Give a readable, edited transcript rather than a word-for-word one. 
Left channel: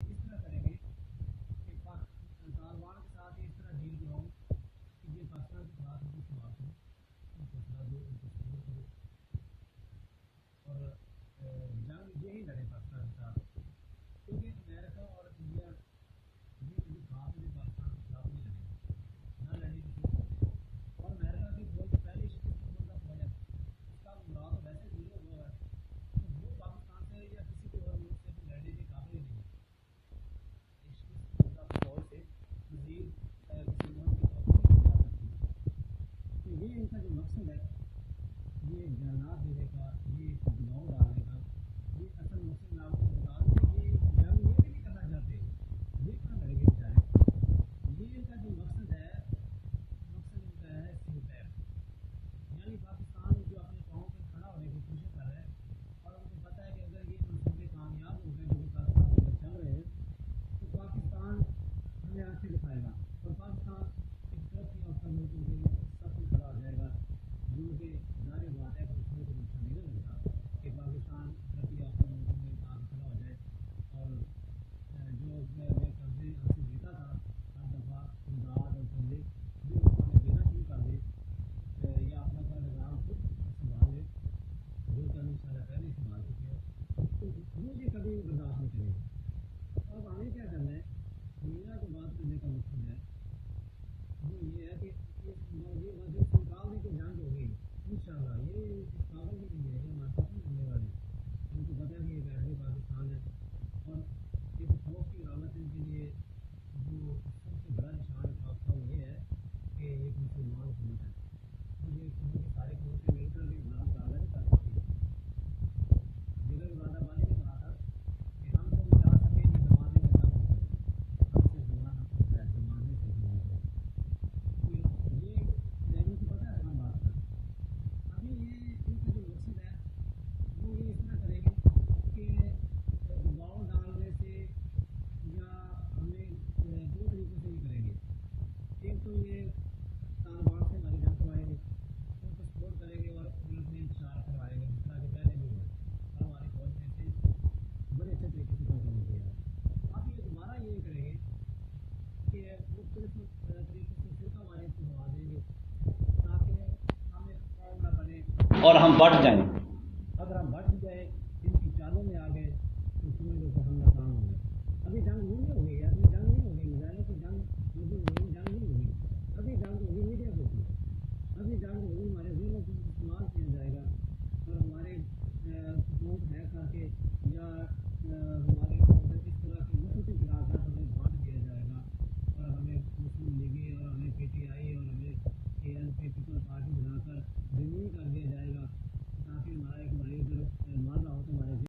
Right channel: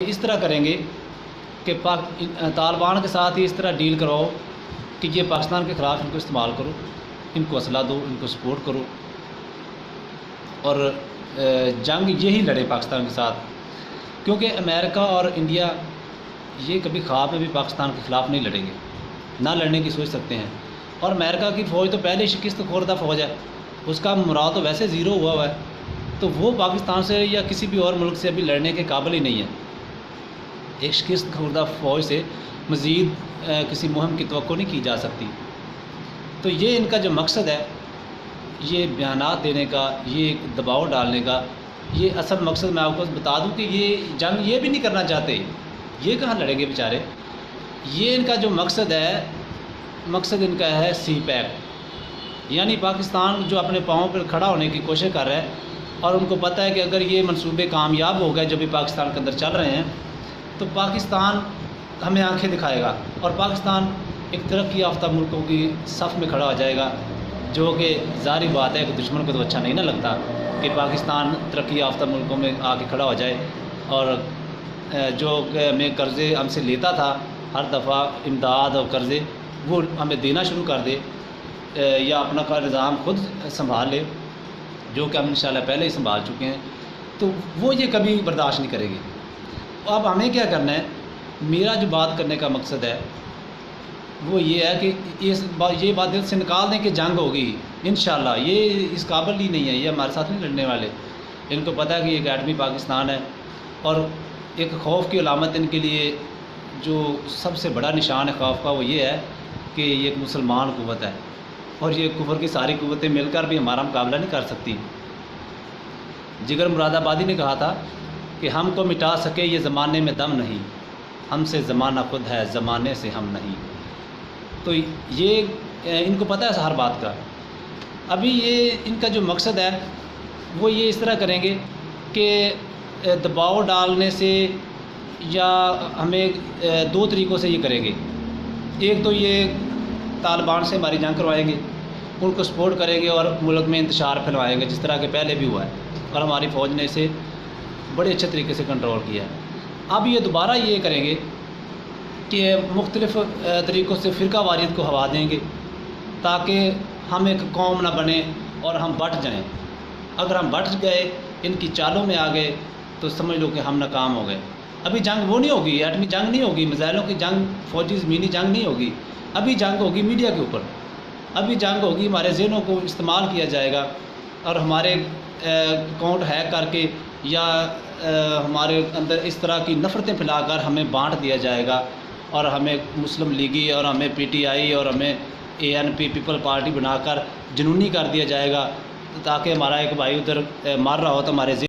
اس طرح کریں گے کہ طالبان کے ساتھ ہی اس طرح ڈیل کرواؤ کہ یہ پاکستان کے خلاف ان کو استعمال کرو، ان کو اسلحہ دو، ان کو سپورٹ کرو، اور جنگ یہی لڑے پاکستان کے ساتھ، کیونکہ امریکہ اور انڈیا یہ کبھی خواب میں بھی پاکستان کے خلاف نہیں لڑیں گے، نہ لڑنے کی سوچ سکتے ہیں۔ اور امریکہ کی فوج تو پہلے شکست خوردہ فوج ہے، اس کا مورال تو ویسے زیرو ہوا ہے، تو وہ پاکستان سے یا کسی بھی اور ملک سے ابھی لڑنے کے قابل ہی نہیں ہے۔ ایک شکست خوردہ فوج سے مزید کسی مہم کی توقع نہیں کی جا سکتی۔ تو یہ ان کا جو مقصد ہے، یہ بیانات دینے کا، یہ دباؤ ڈالنے کا، یہ اصل مقصد میں آپ کو بتا دوں کہ یہ جنگ یہ بھی نہیں کرنا چاہتے، یہ کہاں لڑیں گے بیچارے۔ یہ ان کا جو مقصد ہے، مقصد ان کا ہے سی پیک، یعنی پاکستان جو اپنے پاؤں پر کھڑا ہونے کی کوشش کر رہا ہے، اور ان کو پتہ ہے کہ اگر یہ منصوبے کامیاب ہو گئے جو بھی پاکستان کے اندر چل رہے ہیں، تو پاکستان ہمیں آنکھیں دکھائے گا، اور پاکستان ایک ترقی یافتہ ملکوں کی صف میں کھڑا ہو جائے گا، جو کہ ظاہری بات ہے کہ دشمن کو تو اچھا نہیں نہ لگتا کہ پاکستان ترقی یافتہ ملکوں میں آ کے کھڑا ہو جائے، اور جو ہمیں قرضے ہم سے لیتا تھا ہر دفعہ امداد اور قرضے، وہ ہمیں دینا شروع کر دے، یا اپنا کا نظام خود سنبھال لے، جو کہ ہم انشاءاللہ پہلے ہی سنبھال چکے ہیں، تو وہ یہ کبھی برداشت نہیں کرے گی۔ اب ہمیں کیا کرنا ہے، میرا جو بات کرنے کا مقصد ہے وہ یہ ہے کہ یہ بات دل سے نکال دیں کہ جنگ ہوگی انشاءاللہ، یہ اس قابل ہی نہیں ہے، یہ ہمارے ساتھ نہیں لڑنے والے۔ ان کو پتہ ہے کہ یہ اکیڈمی پاکستان ہے، اور ایک خوف کی علامت ان کے لیے جو سب سے بڑا نشان ہے خوف کا، وہ یہ ہے کہ یہ ایک مسلمان قوت ہے، اور یہ کفر کی ساری قوتیں مل کر بھی ہمارا مقابلہ نہیں کر سکتی۔ جگر مراد آبادی نے کہا تھا کہ ہم کو مٹا سکے یہ زمانے میں دم نہیں، ہم سے زمانہ خود ہے زمانے سے ہم نہیں۔ تو یہ ان کو پتہ ہے ہر بات کا۔ ابھی یہ ان کا جو مقصد ہے وہ یہ اس طرح کریں گے کہ دباؤ ڈالنے سے، یا ہمیں دو طریقوں سے یہ کریں گے۔ ایک تو یہ طالبان سے ہماری جنگ کروائیں گے، ان کو سپورٹ کریں گے اور ملک میں انتشار پھیلوائیں گے، جس طرح کہ پہلے بھی ہوا ہے، اور ہماری فوج نے اسے بڑے اچھے طریقے سے کنٹرول کیا ہے۔ اب یہ دوبارہ یہ کریں گے کہ مختلف طریقوں سے فرقہ واریت کو ہوا دیں گے، تاکہ ہم ایک قوم نہ بنے اور ہم بٹ جائیں۔ اگر ہم بٹ گئے، ان کی چالوں میں آ گئے، تو سمجھ لو کہ ہم ناکام ہو گئے۔ ابھی جنگ وہ نہیں ہوگی، ایٹمی جنگ نہیں ہوگی، میزائلوں کی جنگ، فوجی زمینی جنگ نہیں ہوگی، ابھی جنگ ہوگی میڈیا کے اوپر، ابھی جنگ ہوگی ہمارے ذہنوں کو استعمال کیا جائے گا، اور ہمارے اکاؤنٹ ہیک کر کے، یا ہمارے اندر اس طرح کی نفرتیں پھیلا کر ہمیں بانٹ دیا جائے گا، اور ہمیں مسلم لیگی، اور ہمیں پی ٹی آئی، اور ہمیں اے این پی پیپل پارٹی بنا کر جنونی کر دیا جائے گا، تاکہ ہمارا ایک بھائی ادھر مار رہا ہو تو ہمارے